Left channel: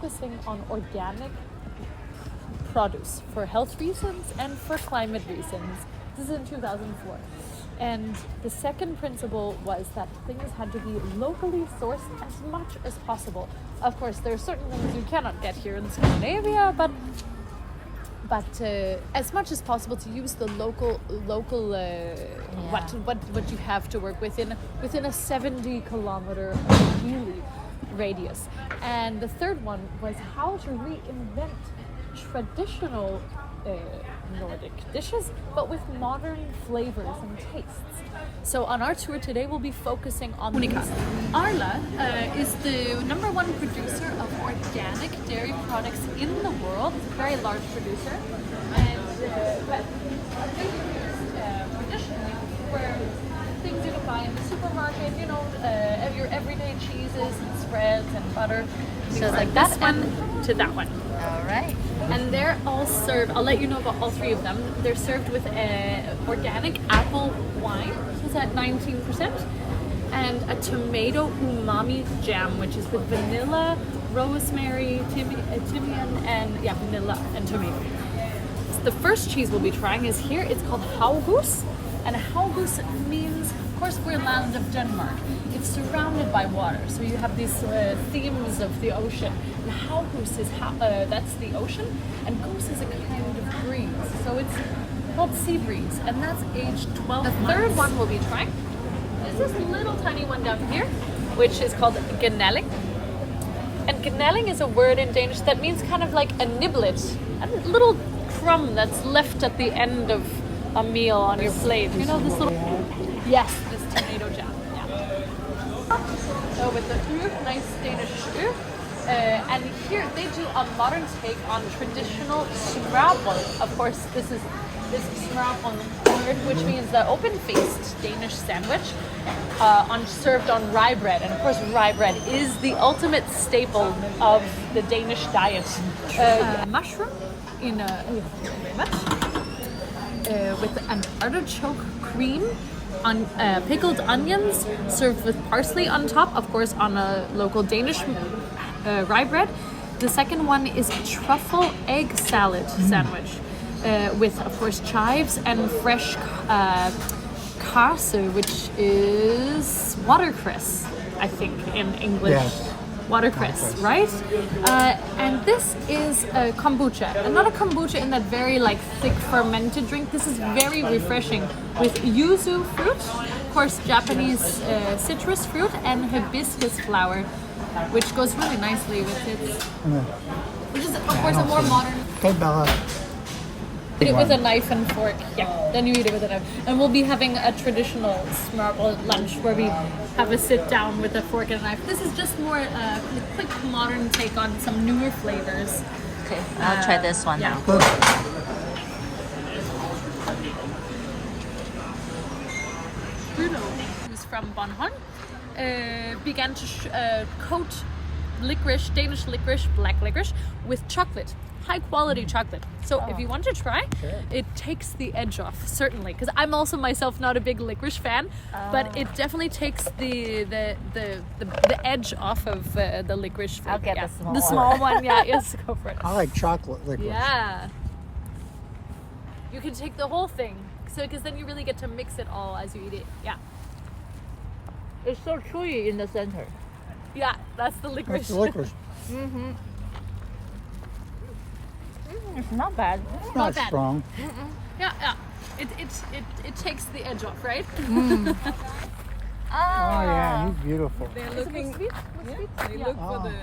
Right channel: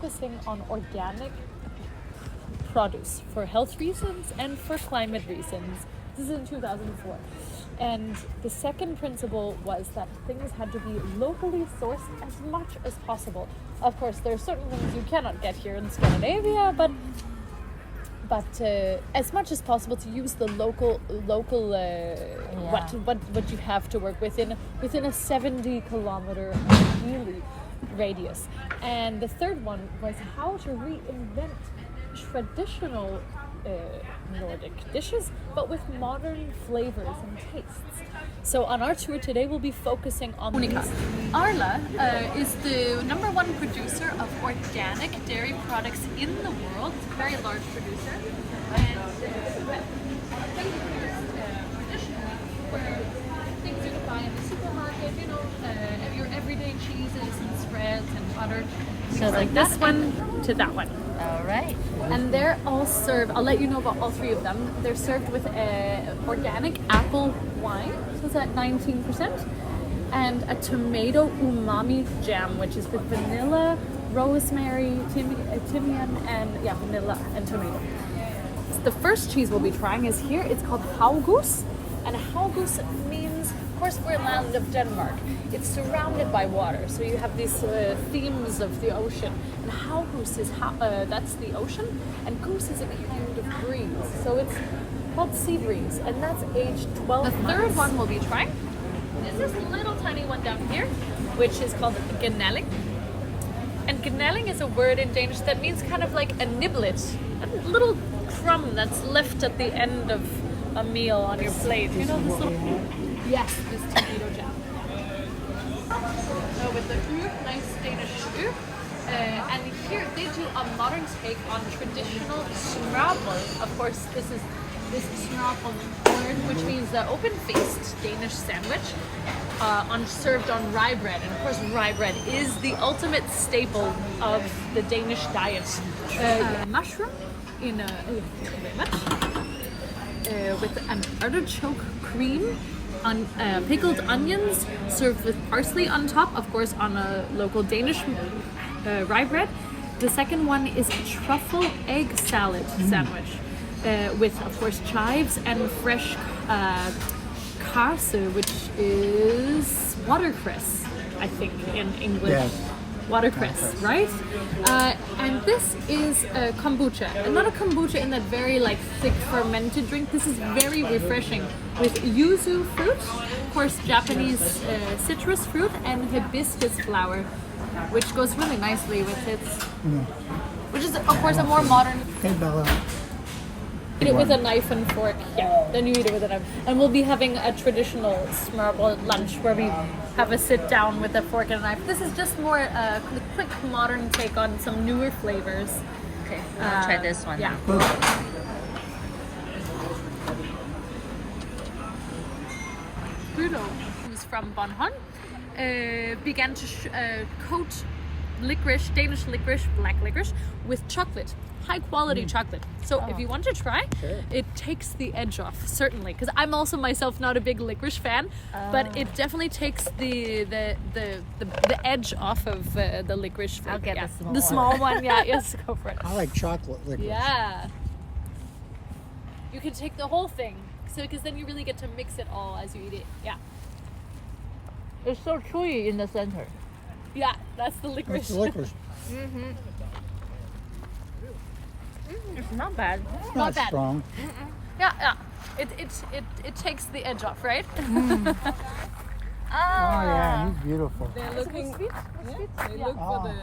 focusing on organic produce for health reasons and for climate reasons. This is in 2004. And the second principle was that things had to be locally sourced as much as possible. Of course, there are certain things you cannot get here in Scandinavia, but as much as possible to use the local what you have to work within a 70-kilometer really radius. And the third one was how to reinvent traditional Nordic dishes, but with modern flavors and tastes. So on our tour today, we'll be focusing on Monica. Arla is the #1 producer of organic dairy products in the world. It's a very large producer. And but traditionally, where things you can buy in the supermarket, you know, your everyday cheeses and spreads and butter. So like this one to that one. All right. And they're all served, I'll let you know about all three of them. They're served with organic apple wine, so it's at 19%, and a tomato umami jam, which is with vanilla, rosemary, timian, and vanilla and tomato. The first cheese we'll be trying is here. It's called Haugus, and Haugus means, of course, we're land of Denmark. It's surrounded by water, so you have these themes of the ocean. And Haugus is that's the ocean, and goose is a kind of breeze. So it's called sea breeze, and that's aged 12 months. The third one we'll be trying is this little tiny one down here, which is called gnalling. And gnalling is a word in Danish that means kind of like a niblet, a little crumb that's left at the end of a meal on your plate. You know this little... Yes, this tomato jam. So with the nice Danish stew, and here they do a modern take on traditional smørrebrød. Of course, this smørrebrød word, which means the open-faced Danish sandwich, served on rye bread. And of course, rye bread is the ultimate staple of the Danish diet. Mushroom in thank you very much. With an artichoke cream. On pickled onions served with parsley on top, of course on a local Danish rye bread. The second one is a truffle egg salad sandwich with, of course, chives and fresh karse, which is watercress, I think, in English. Yes. Watercress, right? And this is a kombucha, and not a kombucha in that very like thick fermented drink. This is very refreshing with yuzu fruit, of course Japanese citrus fruit, and hibiscus flower, which goes really nicely with it. Which is of course a more modern. Eat it with a knife and fork. Yeah, then you eat it with a knife. And we'll be having a traditional smørrebrød lunch where we have a sit down with a fork and a knife. This is just more a quick modern take on some newer flavors. Okay, I'll try this one now. Bruno, who's from Bornholm, began to coat licorice, Danish licorice, black licorice, with chocolate, high quality chocolate. So if you want to try, it takes the edge off, certainly. Because I'm also myself not a big licorice fan, but it definitely takes the edge off of the licorice flavor. I'll get the small one. Yeah, yes, go for it. I like chocolate licorice. Yeah. You can take the whole thing, so because then you really get to mix it all as you eat it. Yeah. It's so chewy in the center. Yeah, that's the licorice. That's the licorice. It's not bad. It's not bad. strong. Yeah. It takes the edge off, right? Oh yeah, he's beautiful. They're looking. They look for the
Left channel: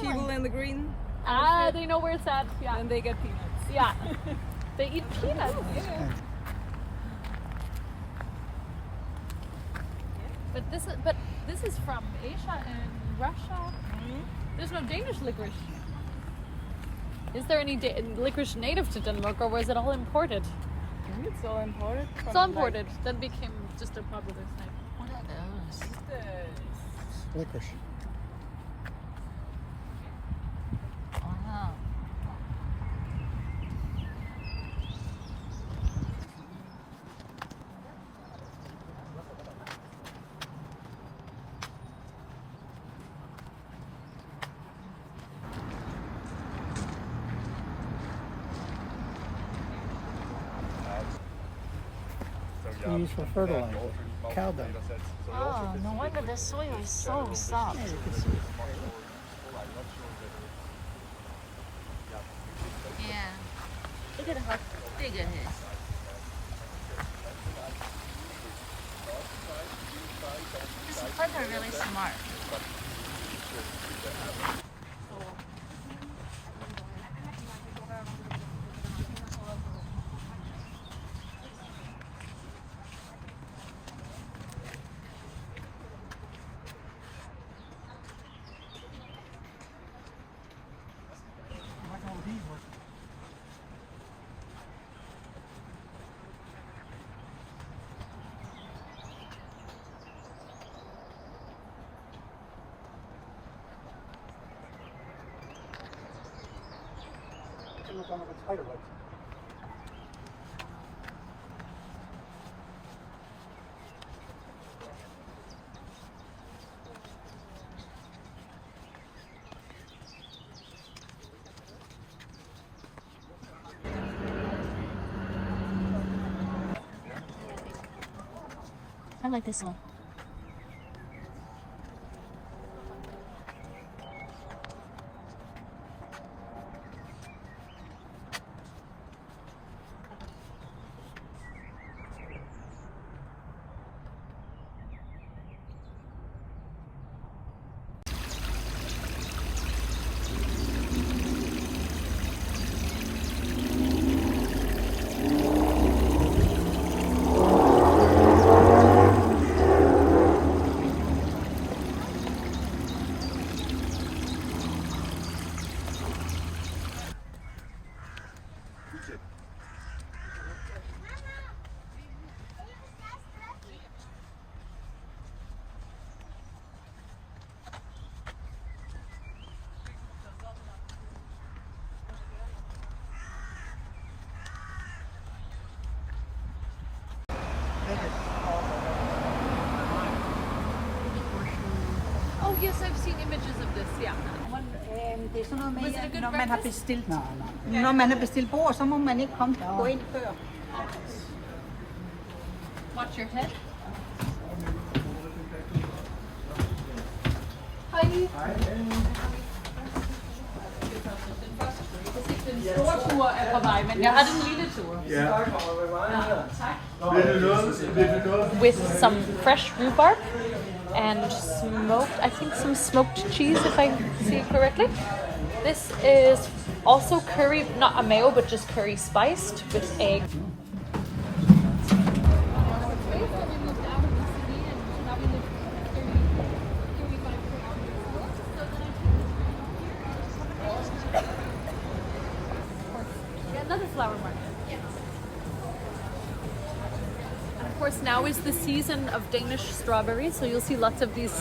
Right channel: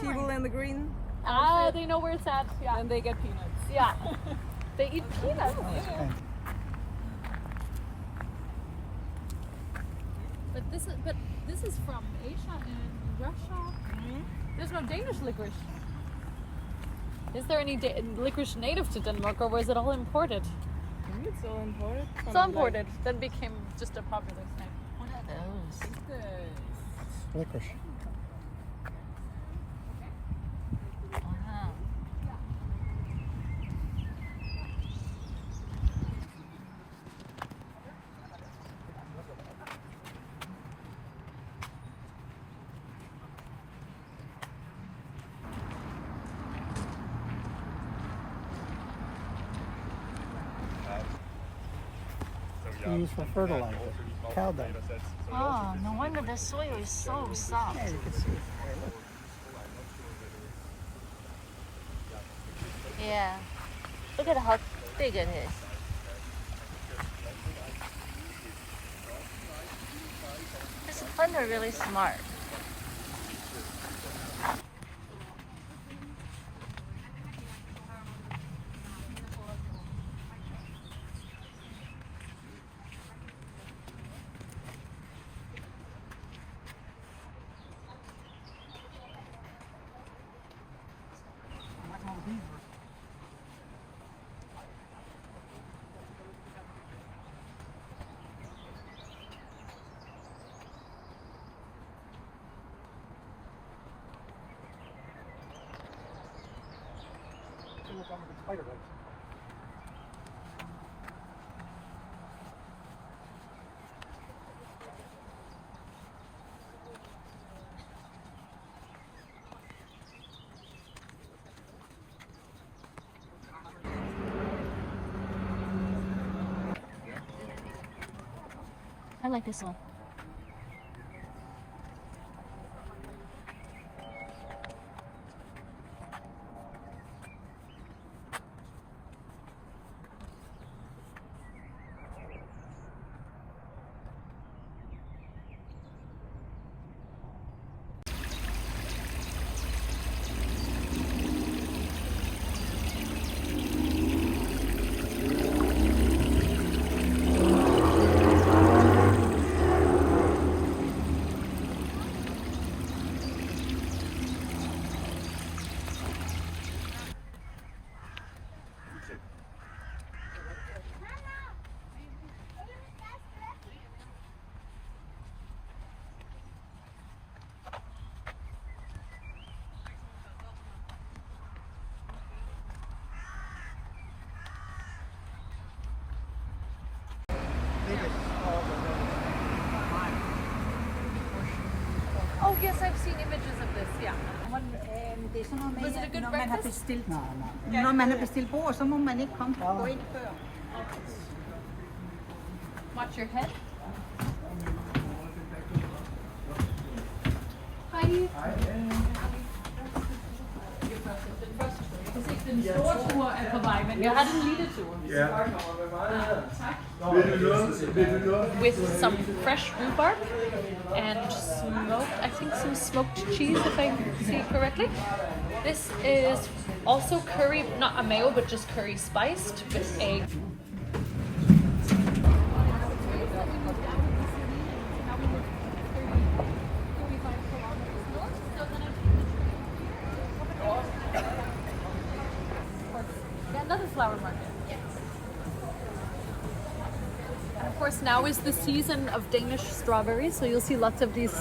people in the green. They know where it's at. Yeah. And they get peanuts. Yeah. They eat peanuts. But this is from Asia and Russia. There's no Danish licorice. Is there any licorice native to Denmark, or was it all imported? It's all imported. It's all imported. Then became just a popular type. What are those? Licorice. Wow. they use for fertilizer. Cow dung. Oh, no wonder the soil is so soft. Yeah. Look at how big it is. This plants are really smart. I like this one. Oh yes, I've seen images of this. Yeah. Det er sådan noget med, Was it a good når man har breakfast? bestilt, Nej. når man har bestilt bord, så må man ikke komme gå ind før. Watch your head. Hej. Den store tur er på vej, men jeg har den lille tur. Ja. Tak. Vil du noget? With some fresh rhubarb and smoked, I think some smoked cheese, if I see it correctly. This is also curry, not a mayo, but just curry spiced with egg. Another flower market. And of course now is the season of Danish strawberries, so you'll see lots of these.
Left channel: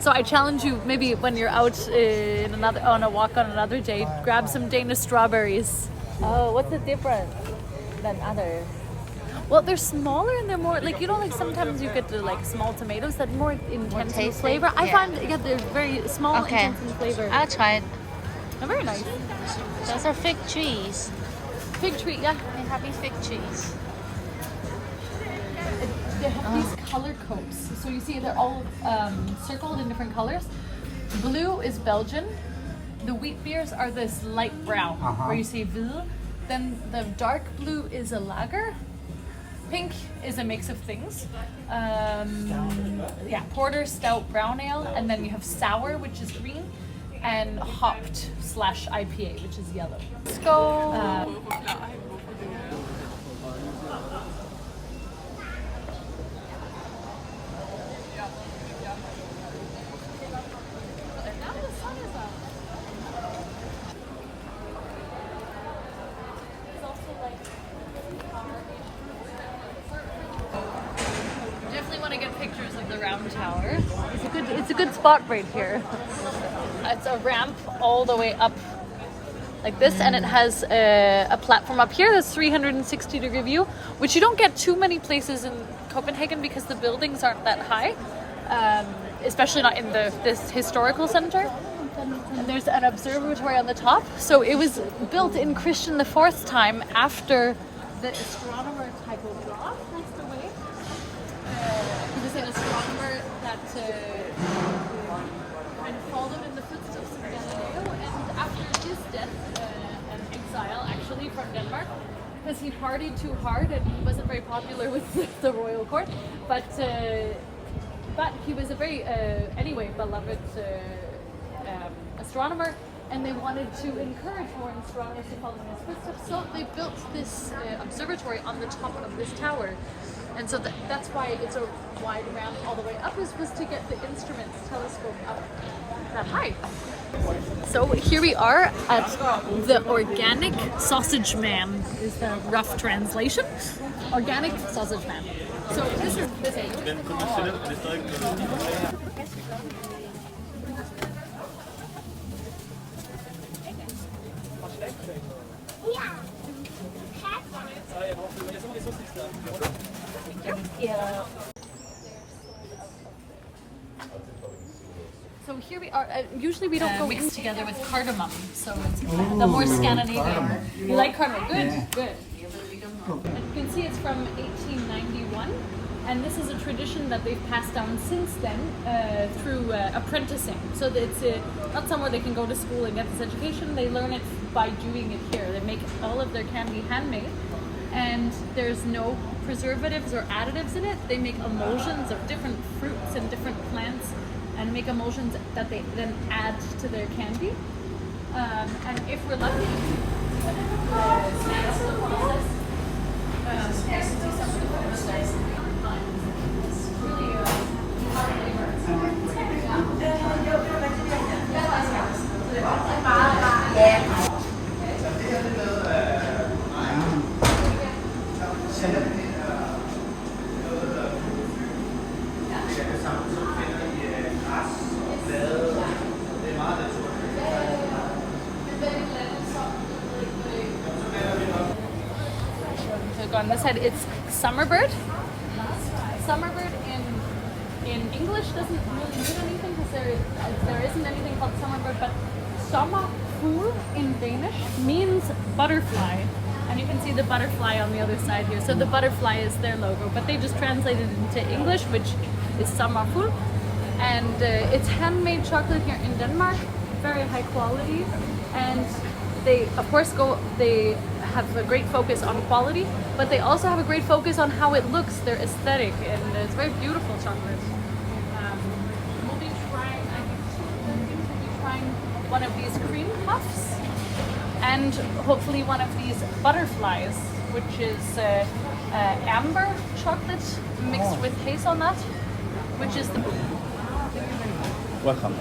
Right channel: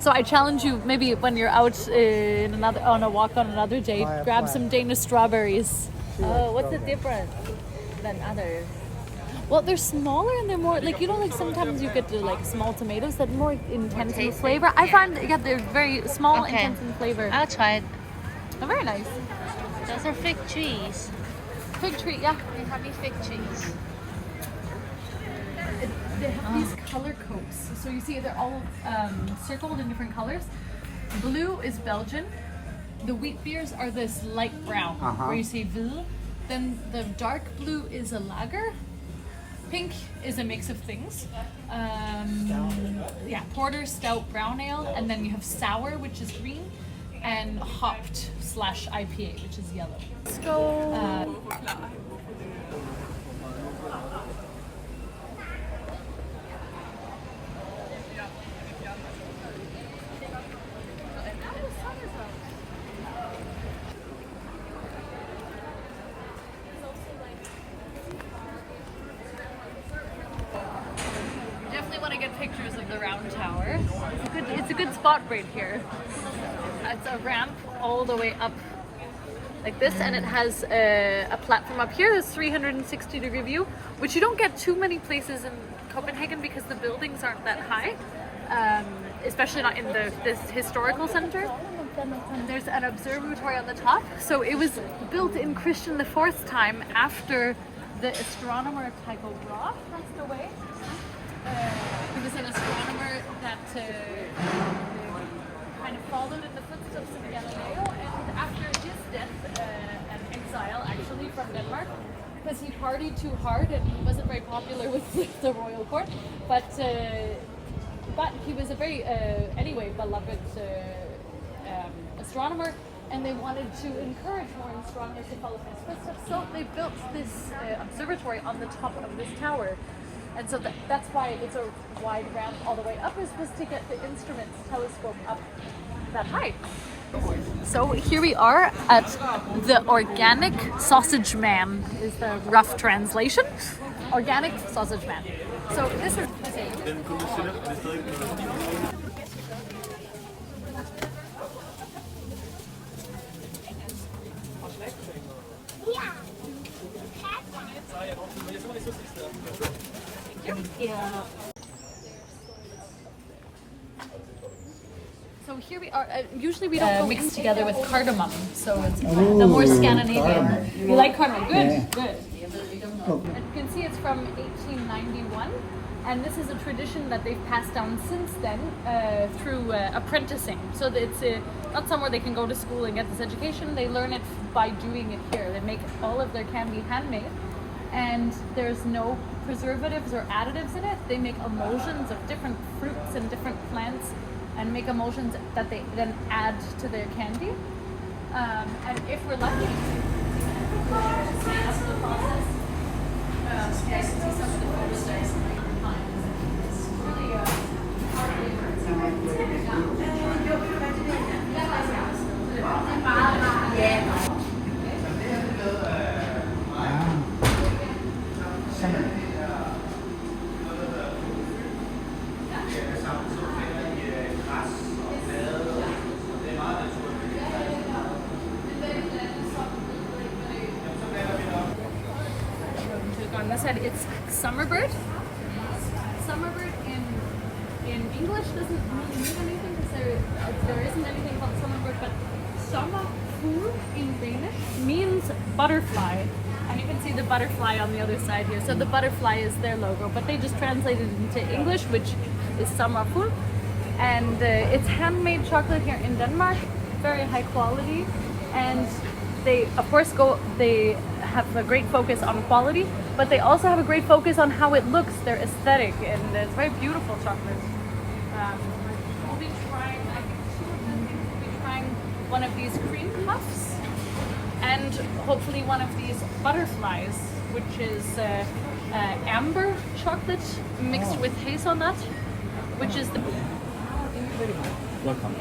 So I challenge you, maybe when you're out on a walk on another day, grab some Danish strawberries. Oh, what's the difference than others? Well, they're smaller and they're more like, you know, like sometimes you get the like small tomatoes that are more intense in tasty, flavor. I yeah. find they're very small, Okay. intense in flavor. I'll try it. They're very nice. Those are fig trees. Fig tree, yeah. They have fig trees. They have these color codes. So you see they're all circled in different colors. Blue is Belgian. The wheat beers are this light brown, where you see Ville. Then the dark blue is a lager. Pink is a mix of things. Yeah, porter, stout, brown ale. And then you have sour, which is green. And hopped / IPA, which is yellow. Let's go. Definitely want to get pictures of the round tower. It's a good spot right here. It's a ramp all the way up like this, and it has a platform up here that's 360-degree view, which you don't get too many places in Copenhagen because the buildings aren't that high, especially not in this historical center. And there's an observatory on the top. So it was built in Christian IV's time after the astronomer Tycho Brahe passed away. He was an astronomer that kind of followed in the footsteps of Galileo, and after his death and exile actually from Denmark, because he partied too hard and he wasn't very popular with the royal court, but he was a very anyway beloved astronomer, and they wanted to encourage more astronomers to follow in his footsteps, so they built this observatory on the top of this tower. And so that's why it's a wide round all the way up, was to get the instruments telescope up that high. So here we are at the Organic Sausage Man, is the rough translation. Organic Sausage Man. So this is potato. So here we are. Usually we don't go mixed together with cardamom, so it's the more Scandinavian. You like cardamom? Good, good. You can see it's from 1891, and this is a tradition that they've passed down since then through apprenticing. So that it's not somewhere they can go to school and get this education. They learn it by doing it here. They make all of their candy handmade, and there's no preservatives or additives in it. They make emulsions of different fruits and different plants, and make emulsions that they then add to their candy. And if we're lucky, on this side, it's Summerbird. Summerbird in English doesn't really mean anything because there isn't anything called Summerbird, but sommerfugl in Danish means butterfly. And you can see the butterfly on the other side here. So the butterfly is their logo, but they just translated it into English, which is sommerfugl. And it's handmade chocolate here in Denmark, very high quality. And they, of course, they have a great focus on quality, but they also have a great focus on how it looks, their aesthetic, and it's very beautiful chocolate. We'll be trying, I think, two of the things. We'll be trying one of these cream puffs, and hopefully one of these butterflies, which is amber chocolate mixed with hazelnut, which is the... Welcome.